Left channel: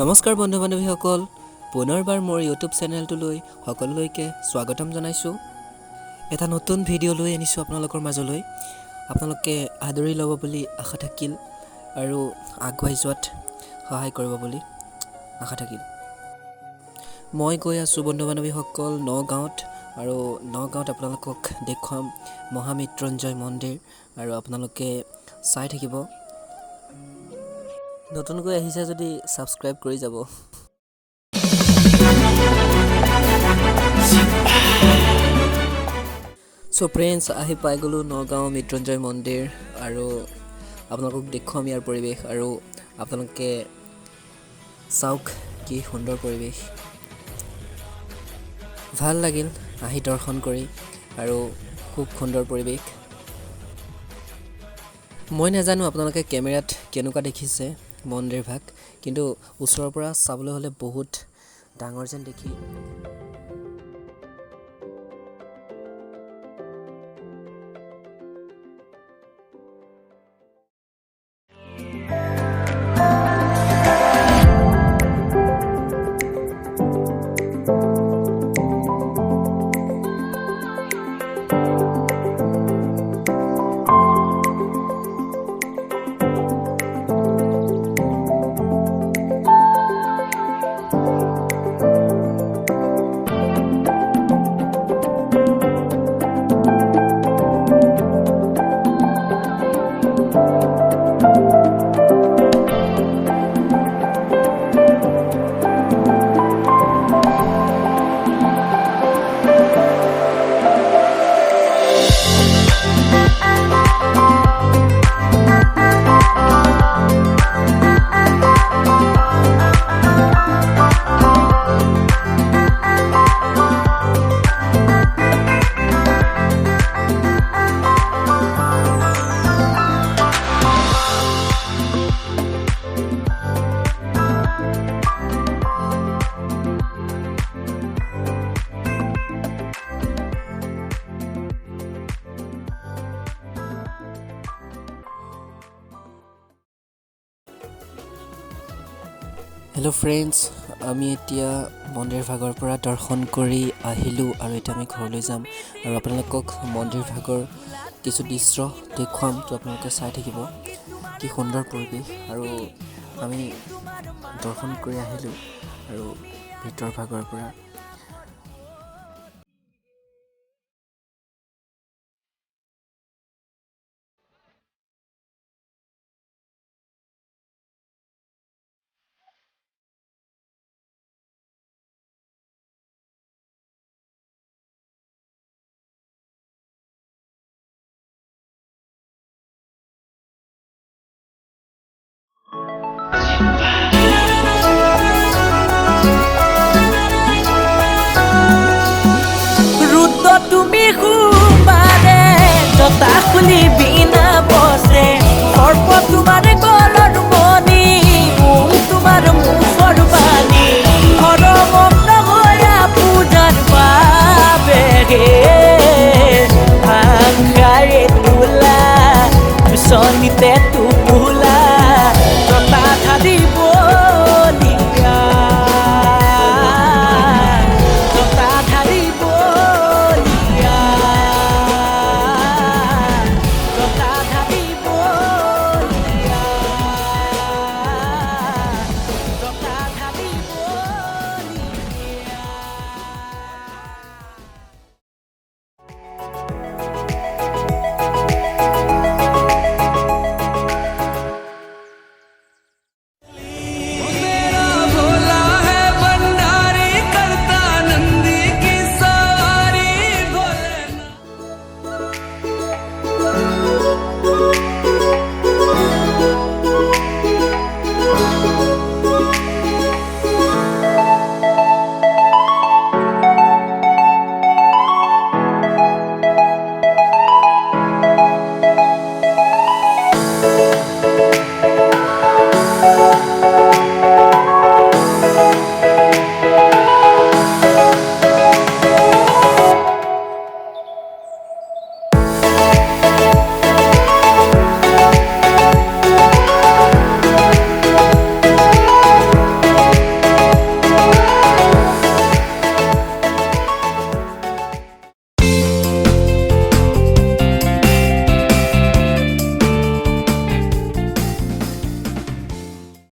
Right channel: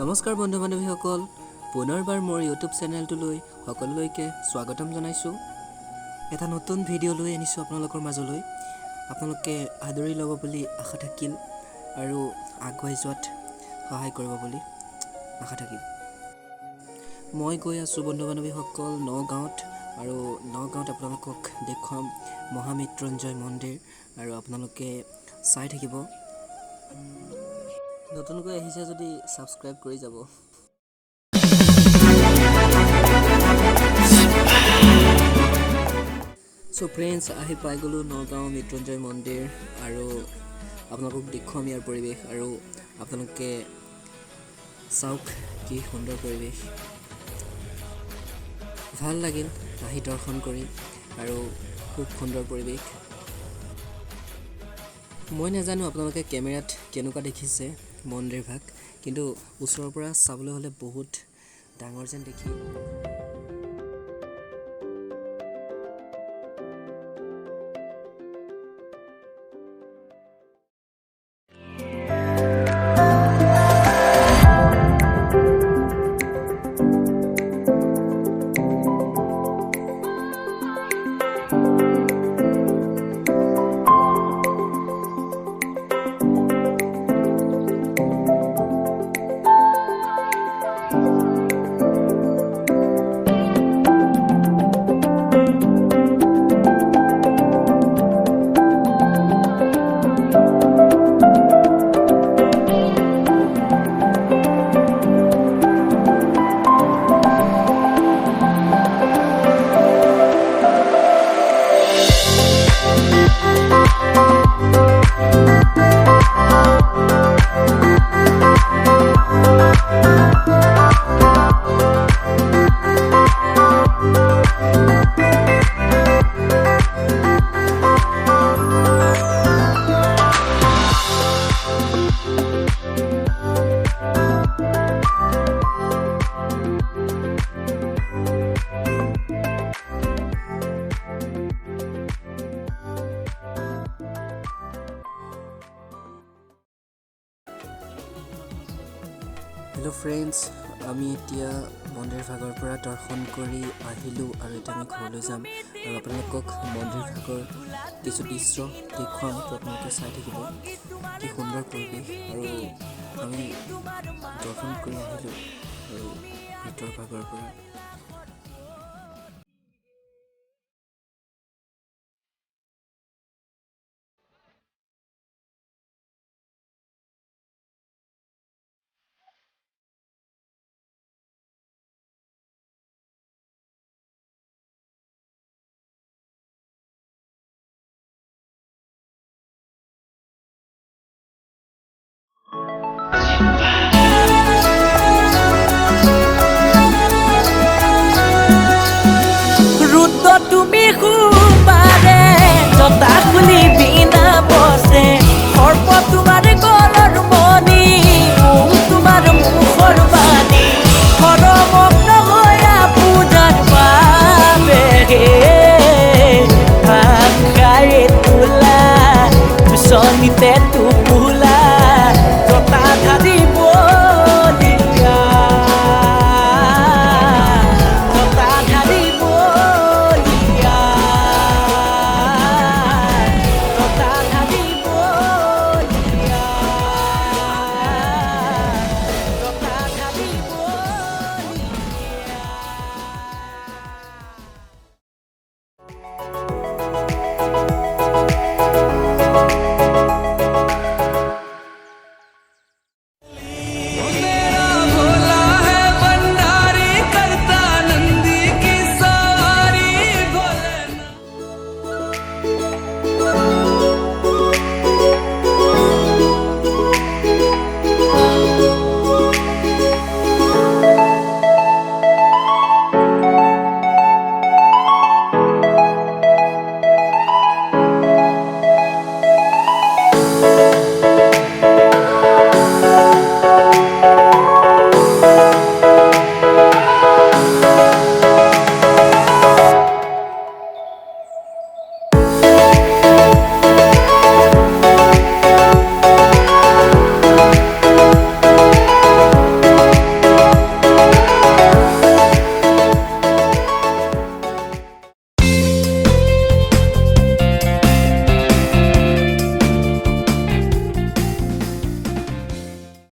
নমস্কাৰ বন্ধু বান্ধৱীসকল, পুনৰবাৰ মোৰ ইউটিউব চেনেলটোলৈ সকলোলৈকে স্বাগতম জনাইছোঁ। এটা নতুন ভিডিঅ' লৈ আনিছোঁ আপোনালোকৰ মাজলৈ। আপোনালোকে আদৰি ল'ব বুলি আশা থাকিল আৰু আগুৱাই যোৱাত সহায় কৰিব বুলি আশা থাকিল। মই গৈ আছোঁ বন্ধু বান্ধৱীসকল নগাঁৱত, আৰু নগাঁৱত আপোনালোকক দেখুৱাম মহামৃত্যুঞ্জয় মন্দিৰ, আৰু আপোনালোকে চাই থাকিব। নতুনকৈ আহিছে যদি ছাবস্ক্ৰাইব কৰি যাব। চ' ফ্ৰেণ্ডছ, আহি পাই গ'লোঁ নগাঁও মৃত্যুঞ্জয় মন্দিৰ, আৰু আপোনালোকক দেখুৱাম ইয়াৰ পৰিৱেশ, আৰু আপোনালোকে চাওক কি সুন্দৰ পৰিৱেশ। ভাল লাগিল আহি দৰ্শন কৰি, আৰু খুব সুন্দৰ পৰিৱেশ। মই নাজানো আপোনালোকে কেমেৰাত কেনেকুৱা দেখিছে মন্দিৰ ভাগ, কিন্তু ওচৰৰ পৰা চাবলৈ হ'লে বহুত ডাঙৰ যেন দেখি। হেল্ল' ফ্ৰেণ্ডছ, আমি এতিয়া মন্দিৰ ভাগৰ পৰা দৰ্শন কৰি আহিলোঁ, আৰু এতিয়া আমি ঘৰলৈ যাম, আৰু আপোনালোকক মন্দিৰ ভাগৰ কিছু দৃশ্য দেখুৱাম। তো আপোনালোকে চাই থাকিব কি সুন্দৰ পৰিৱেশ, আৰু আমি দৰ্শন কৰি আহিলোঁ আৰু ভিতৰ ভাগৰ পৰা। তুমি সোমবাৰে জতা খুলি বিনা বসে, সৰ্প তোমাৰ গলৰ মণি, তোমাৰ মুখৰ বাণী, সৰমগ্ন হৈয়া পূজাৰ বাবে ভাঙাৰে তোলা, চনিতে টোপোলা